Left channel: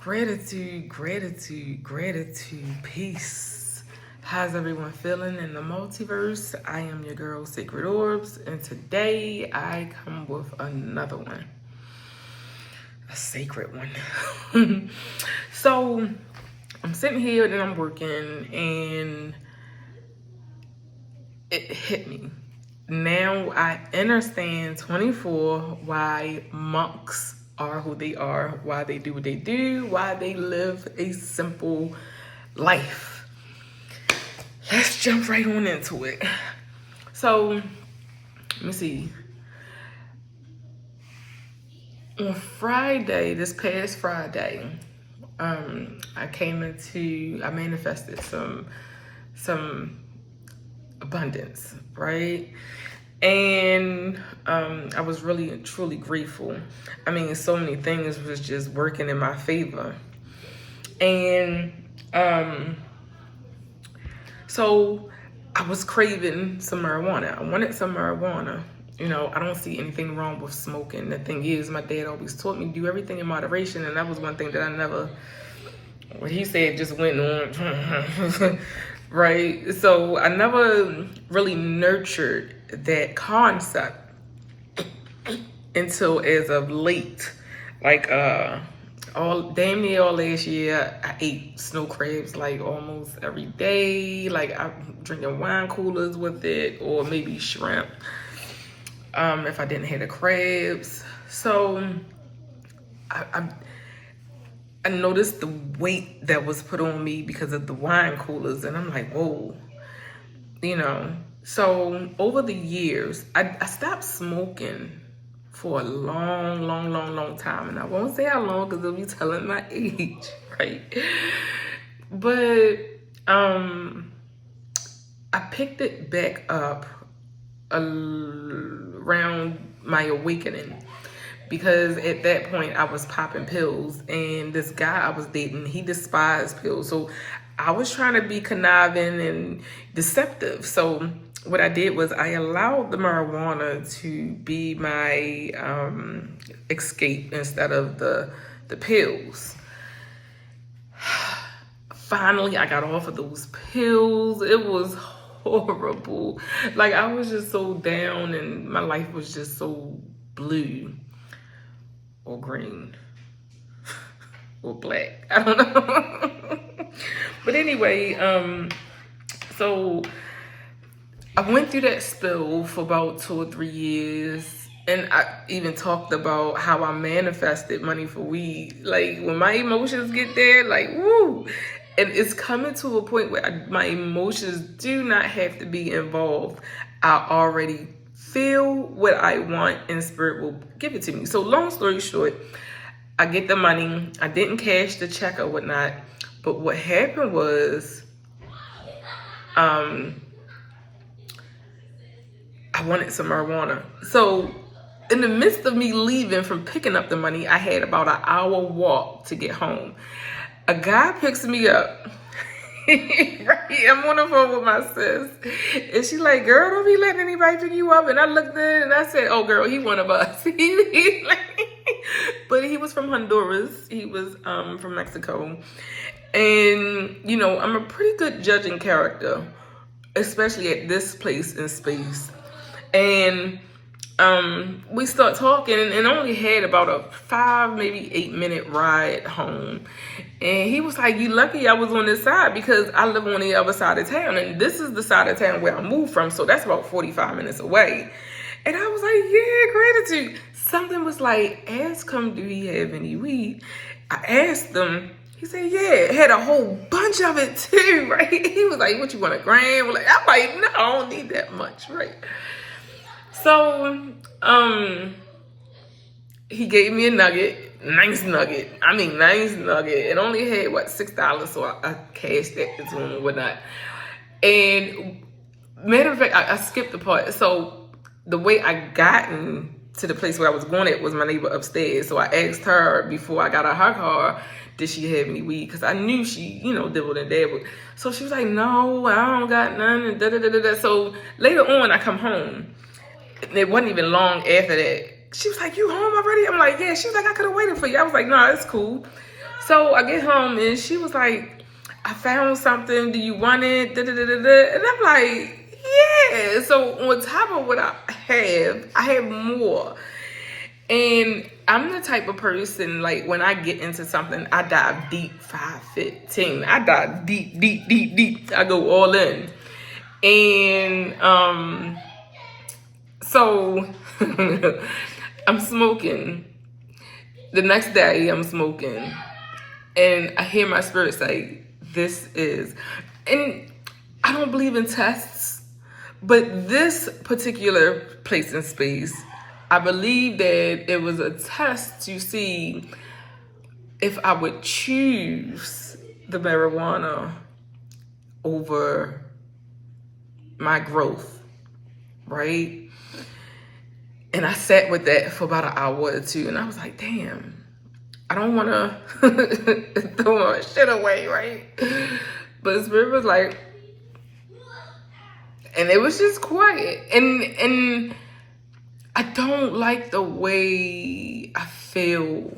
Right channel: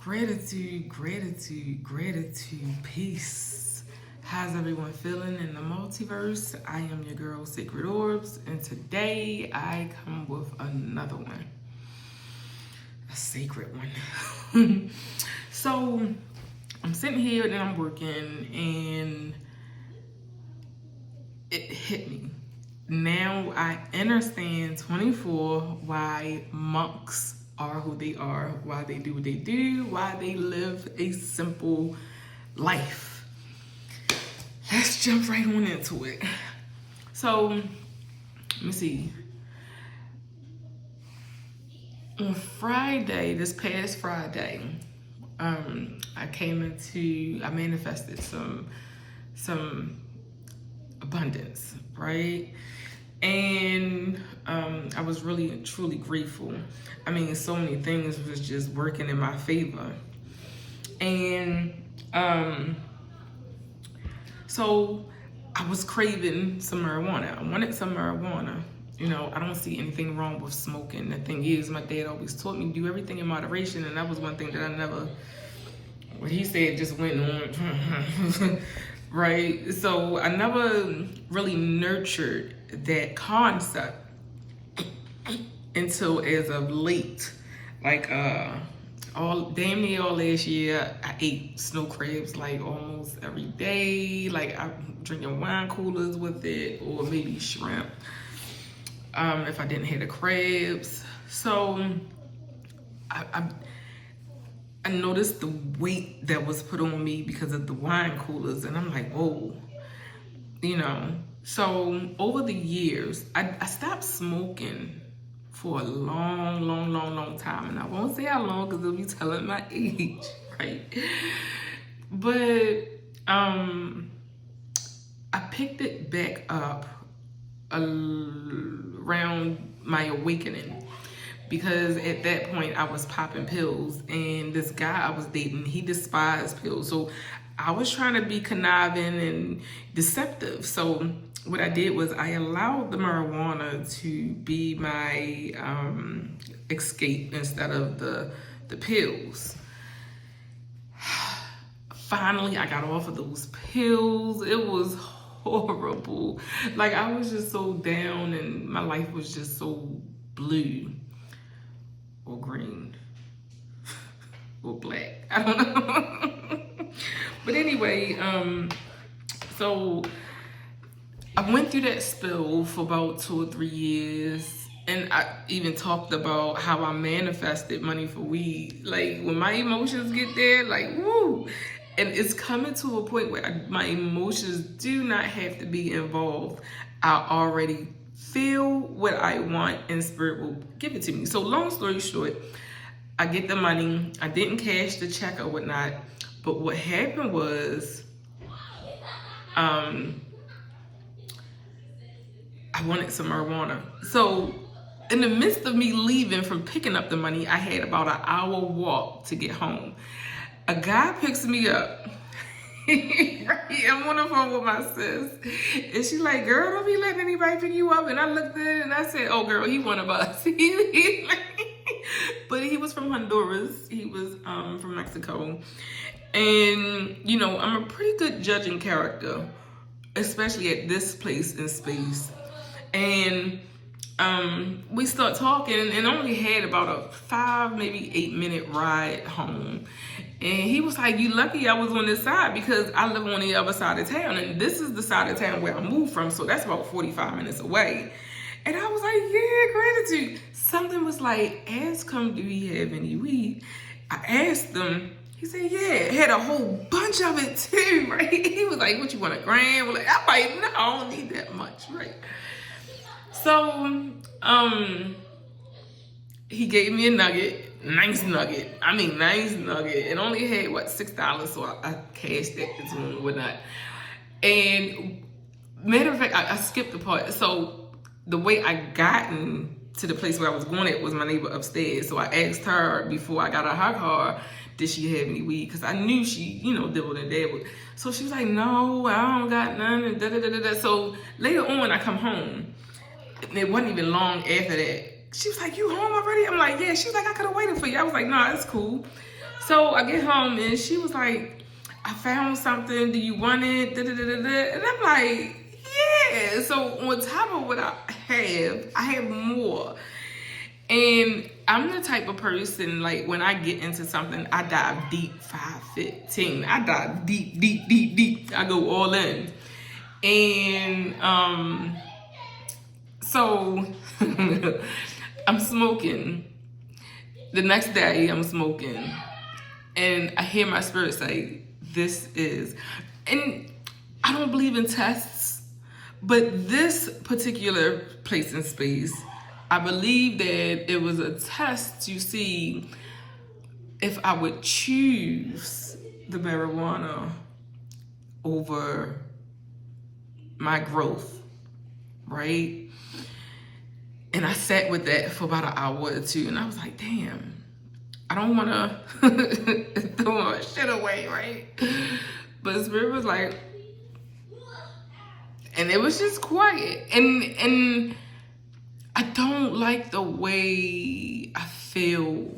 Gratitude, gratitude, gratitude, peace. How's everyone feeling in the multiverse? I am your girl, Sacred Orbs, and today I come with another one. A sacred one. So, I'm sitting here and I'm working, and it hit me. Now I understand 24 why monks are who they are, why they do what they do, why they live a simple life. Let's jump right on into it. So, let me see. On Friday, this past Friday, I manifested some abundance, right? And I was really truly grateful. I mean, so many things was just working in my favor. And so I was craving some marijuana. I wanted some marijuana. You know, I don't see anything wrong with smoking. The thing is, my dad always taught me to do everything in moderation, and that was one thing that I never, what he said just went on. Right? So I never really nurtured that concept until as of late. Like damn near all last year, I ate snow crabs like almost every day. Like I'm drinking wine coolers with it, or maybe shrimp. If I didn't have the crabs. So I noticed the weight that was put on me because of the wine coolers, and I'm like, whoa, you know. So over the years, I stopped smoking for a long time, and I won't say how long because it'll be telling my age, right? But I picked it back up around my awakening. Because at that point, I was popping pills, and this guy I was dating, he despised pills. So I was trying to be conniving and deceptive. So what I did was I allowed the marijuana to be my escape instead of the pills. Finally, I got off of those pills. It was horrible. Like, I was just so down, and my life was just so blue. Or green, or black, I don't know. But anyway, so I went through that spell for about 2 or 3 years, and I even talked about how I manifested money for weed. Like, when my emotions get there, like, woo! And it's coming to a point where my emotions do not have to be involved. I already feel what I want, and spirit will give it to me. So long story short, I get the money. I didn't cash the check or whatnot. But what happened was, I wanted some marijuana. So in the midst of me leaving from picking up the money, I had about an hour walk to get home. A guy picks me up. I'm on the phone with my sis, and she's like, girl, don't be letting anybody pick you up. And I looked at it and I said, oh girl, he one of us. But he was from Honduras. He was from Mexico. And you know, I'm a pretty good judging character, especially at this place in space. And we start talking, and only had about a 5, maybe 8 minute ride home. And he was like, you lucky I was on this side, because I live on the other side of town, and this is the side of town where I moved from, so that's about 45 minutes away. And I was like, yeah, gratitude. Something was like, ask him, do he have any weed? I asked him. He said, yeah, had a whole bunch of it too, right? He was like, what, you want, a gram? Like, I'm like, no, I don't need that much, right? So, he gave me a nugget. Nice nugget. I mean, nice nugget. It only had, what, $6, so I cashed that to him and whatnot. And matter of fact, I skipped the part. So the way I gotten to the place where I was going at was my neighbor upstairs. So I asked her before I got out of her car, did she have any weed? Because I knew she, you know, dibbled and dabbled. So she was like, no, I don't got none. And da-da-da-da-da. So later on, I come home. And it wasn't even long after that. She was like, you home already? I'm like, yeah. She was like, I could have waited for you. I was like, nah, it's cool. So I get home and she was like, I found something. Do you want it? Da, da, da, da, da. And I'm like, yeah. So on top of what I have more. And I'm the type of person, like, when I get into something, I dive deep, 5'15". I dive deep, deep, deep, deep. I go all in. And so I'm smoking. The next day, I'm smoking. And I hear my spirit say, this is, and I don't believe in tests, but this particular place and space, I believe that it was a test to see if I would choose the marijuana over my growth, right? And I sat with that for about an hour or two, and I was like, damn, I don't want to throw my shit away, right? But Spirit was like, and it was just quiet. And I don't like the way I feel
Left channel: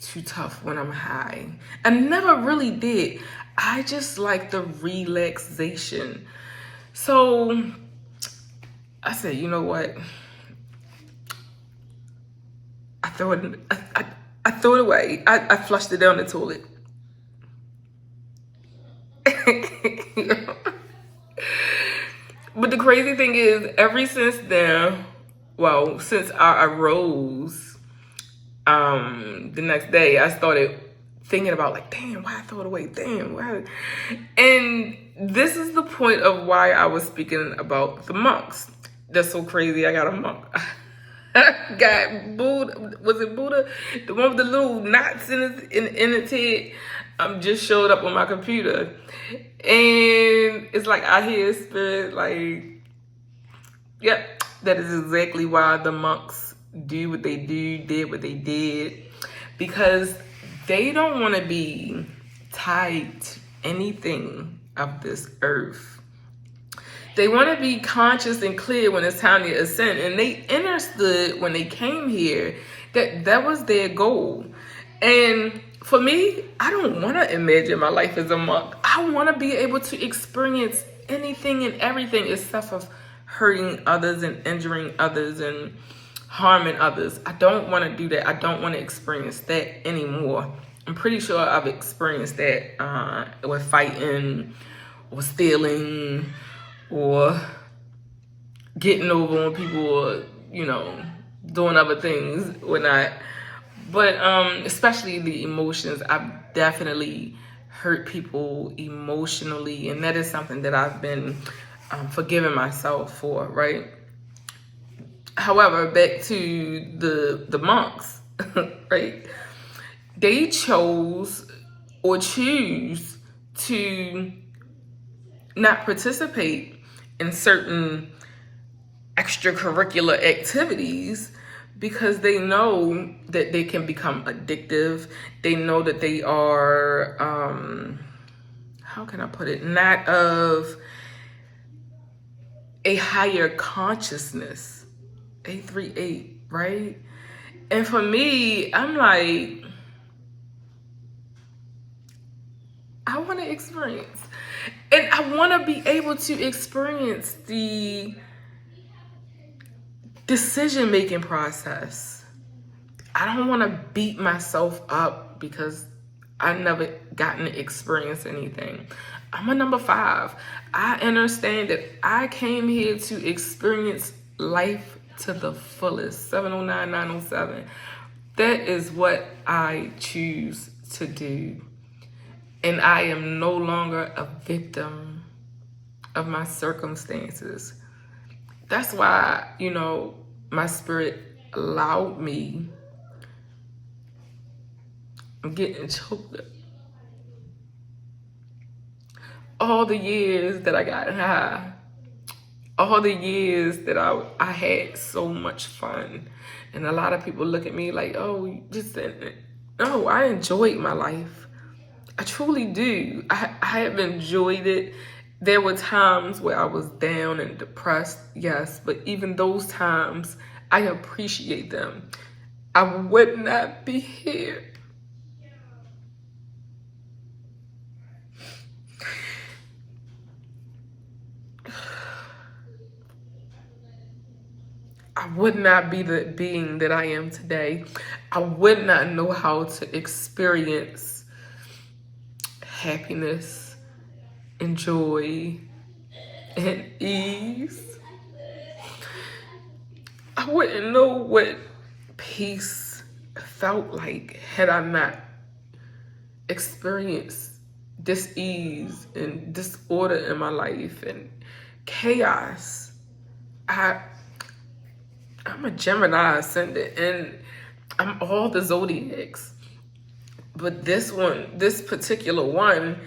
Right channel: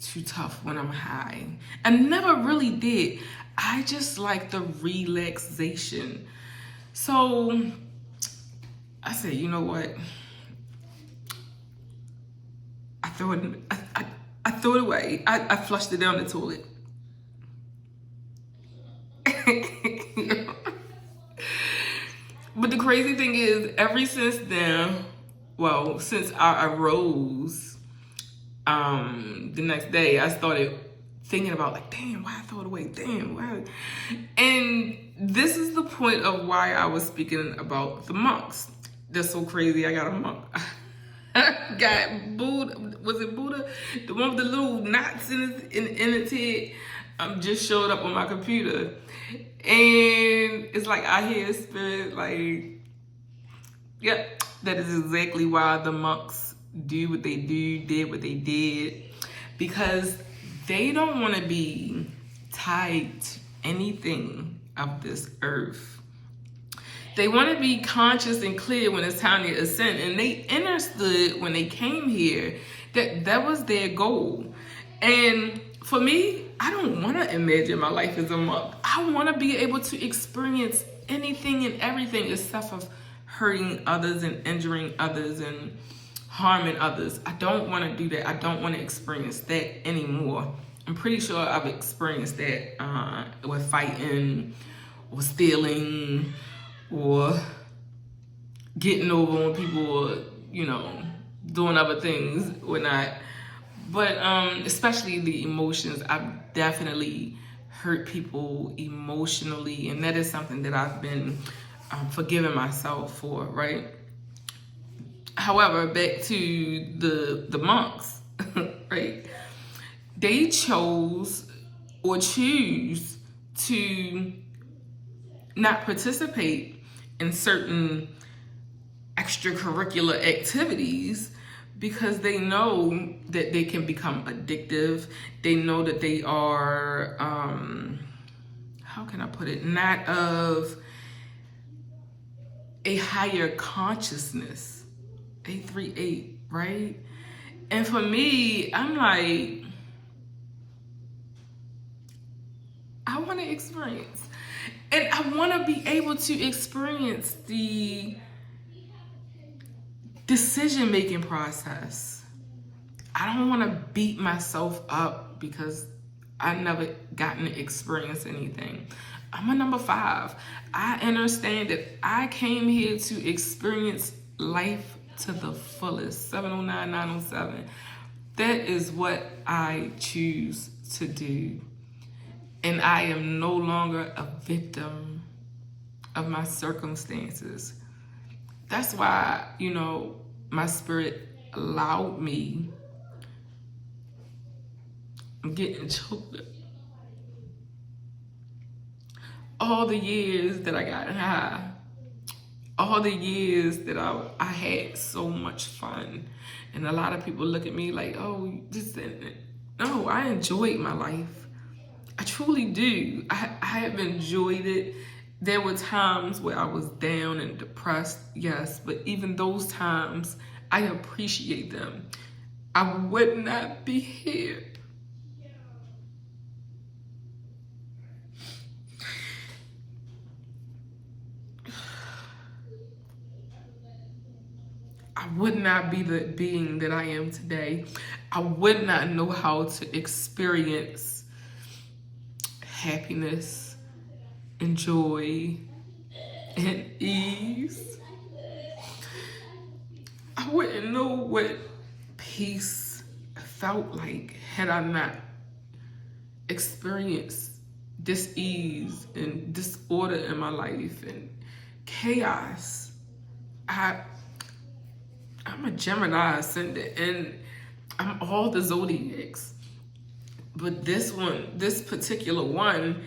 too tough when I'm high. I never really did. I just like the relaxation. So I said, you know what? I throw it away. I flushed it down the toilet. But the crazy thing is, ever since then, well, since I arose, the next day, I started thinking about, like, damn, why I throw it away? Damn, why? And this is the point of why I was speaking about the monks. That's so crazy. I got a monk. I got Buddha. Was it Buddha? The one with the little knots in its head. Just showed up on my computer. And it's like I hear Spirit like, yep, that is exactly why the monks do what they do, did what they did. Because they don't want to be tied to anything of this earth. They want to be conscious and clear when it's time to ascend. And they understood when they came here that that was their goal. And for me, I don't want to imagine my life as a monk. I want to be able to experience anything and everything except for hurting others and injuring others and harming others. I don't want to do that. I don't want to experience that anymore. I'm pretty sure I've experienced that with fighting or stealing or getting over on people or, you know, doing other things or not. But especially the emotions, I've definitely hurt people emotionally, and that is something that I've been forgiving myself for, right? However, back to the monks, right? They chose or choose to not participate in certain extracurricular activities because they know that they can become addictive. They know that they are, how can I put it, not of a higher consciousness, 838, right? And for me, I'm like, I want to experience. And I want to be able to experience the decision-making process. I don't want to beat myself up because I never gotten to experience anything. I'm a number 5. I understand that I came here to experience life to the fullest. 709-907. That is what I choose to do. And I am no longer a victim of my circumstances. That's why, you know, my spirit allowed me. I'm getting choked up. All the years that I got high, all the years that I had so much fun. And a lot of people look at me like, oh, you just said it. No, I enjoyed my life. I truly do. I have enjoyed it. There were times where I was down and depressed, yes, but even those times, I appreciate them. I would not be here would not be the being that I am today. I would not know how to experience happiness and joy and ease. I wouldn't know what peace felt like had I not experienced dis-ease and disorder in my life and chaos. I'm a Gemini ascendant and I'm all the zodiacs. But this particular one,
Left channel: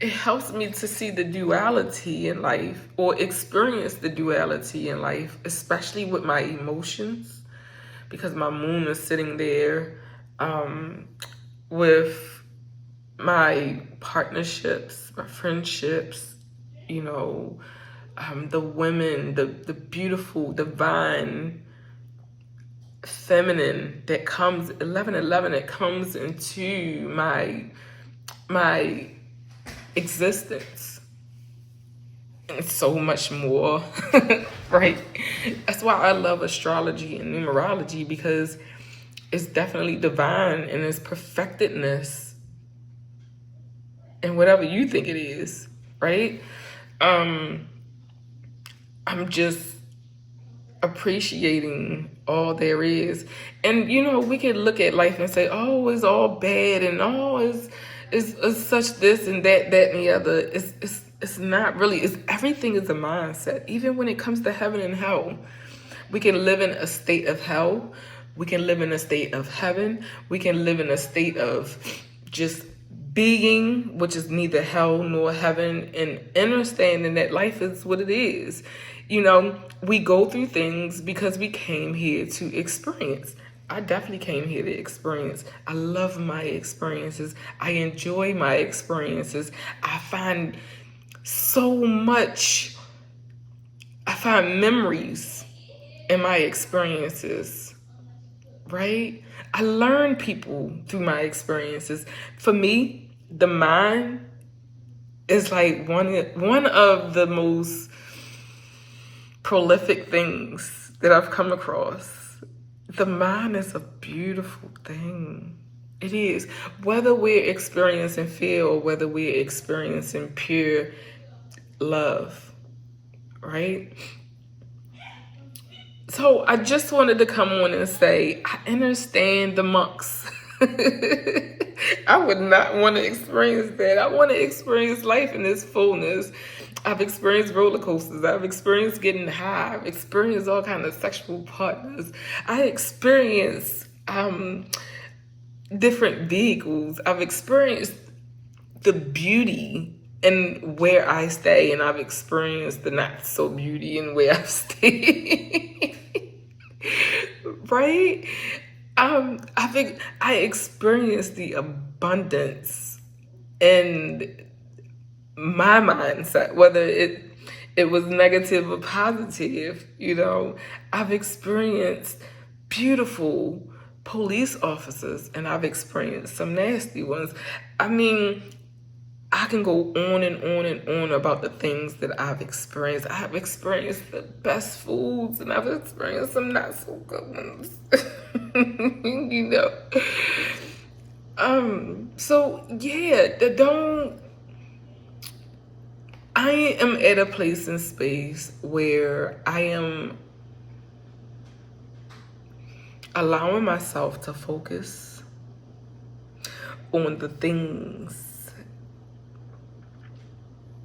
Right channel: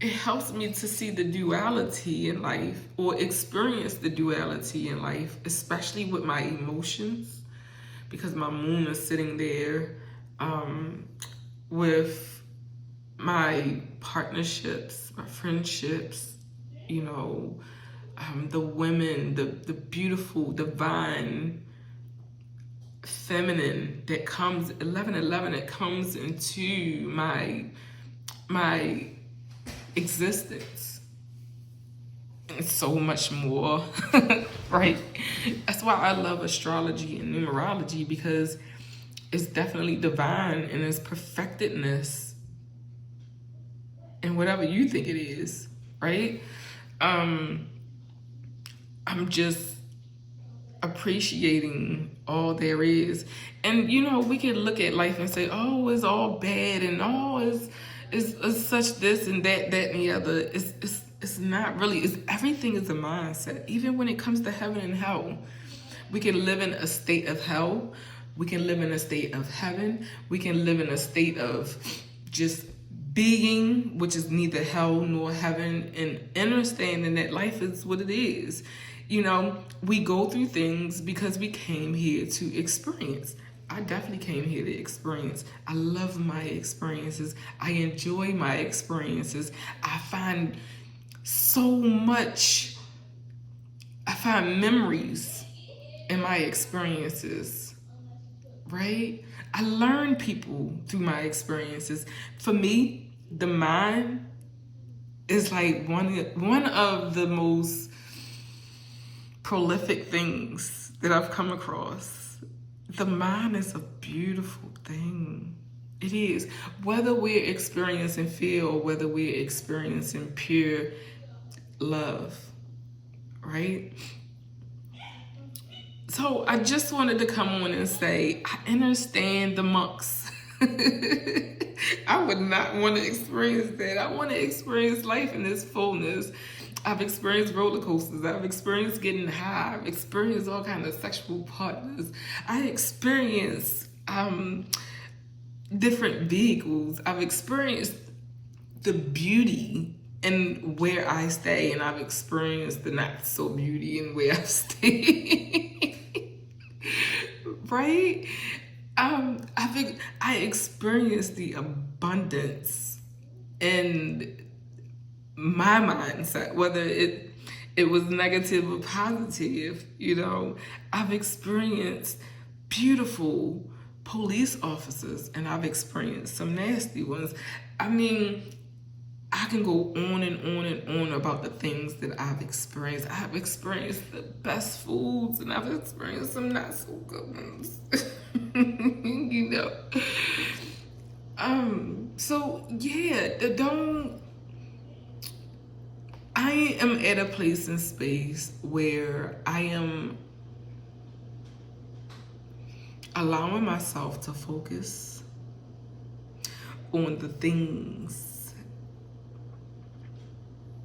it helps me to see the duality in life or experience the duality in life, especially with my emotions, because my moon is sitting there with my partnerships, my friendships, you know, the women, the beautiful, divine, feminine that comes, 1111, that comes into my existence. And so much more, right? That's why I love astrology and numerology, because it's definitely divine and it's perfectedness and whatever you think it is, right? I'm just appreciating all there is. And you know, we can look at life and say, oh, it's all bad and oh, it's such this and that and the other. It's not really. Everything is a mindset. Even when it comes to heaven and hell, we can live in a state of hell. We can live in a state of heaven. We can live in a state of just being, which is neither hell nor heaven, and understanding that life is what it is. You know, we go through things because we came here to experience. I definitely came here to experience. I love my experiences. I enjoy my experiences. I find memories in my experiences, right? I learn people through my experiences. For me, the mind is like one of the most prolific things that I've come across. The mind is a beautiful thing. It is. Whether we're experiencing fear or whether we're experiencing pure love, right? So I just wanted to come on and say, I understand the monks. I would not want to experience that. I want to experience life in its fullness. I've experienced roller coasters. I've experienced getting high. I've experienced all kinds of sexual partners. I experienced different vehicles. I've experienced the beauty and where I stay, and I've experienced the not so beauty and where I stay. Right? I experienced the abundance and my mindset, whether it was negative or positive. You know, I've experienced beautiful police officers and I've experienced some nasty ones. I mean, I can go on and on and on about the things that I've experienced. I've experienced the best foods and I've experienced some not so good ones. You know. So yeah, I am at a place in space where I am allowing myself to focus on the things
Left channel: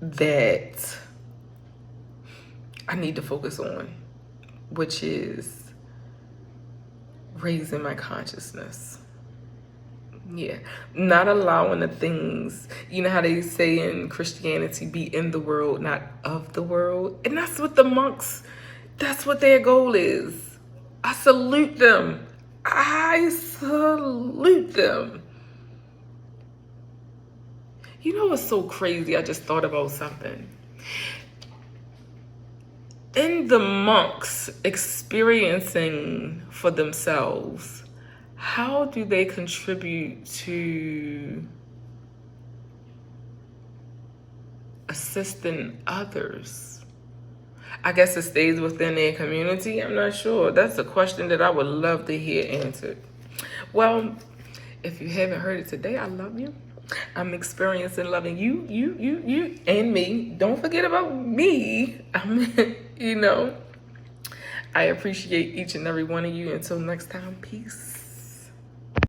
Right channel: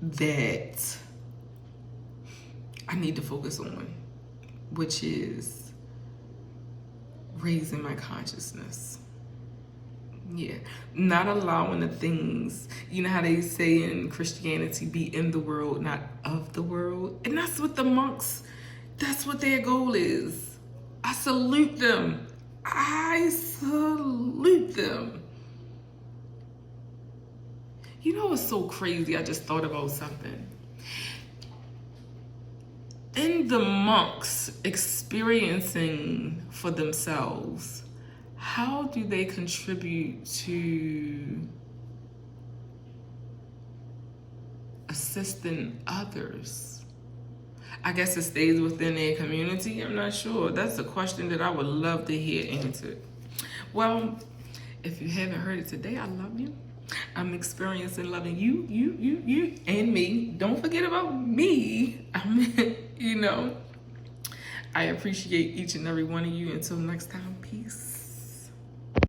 that I need to focus on, which is raising my consciousness. Yeah, not allowing the things, you know how they say in Christianity, be in the world, not of the world. And that's what the monks, that's what their goal is. I salute them. I salute them. You know what's so crazy? I just thought about something. In the monks experiencing for themselves, how do they contribute to assisting others? I guess it stays within their community. I'm not sure. That's a question that I would love to hear answered. Well, if you haven't heard it today, I love you. I'm experiencing loving you, and me. Don't forget about me. You know, I appreciate each and every one of you. Until next time, peace.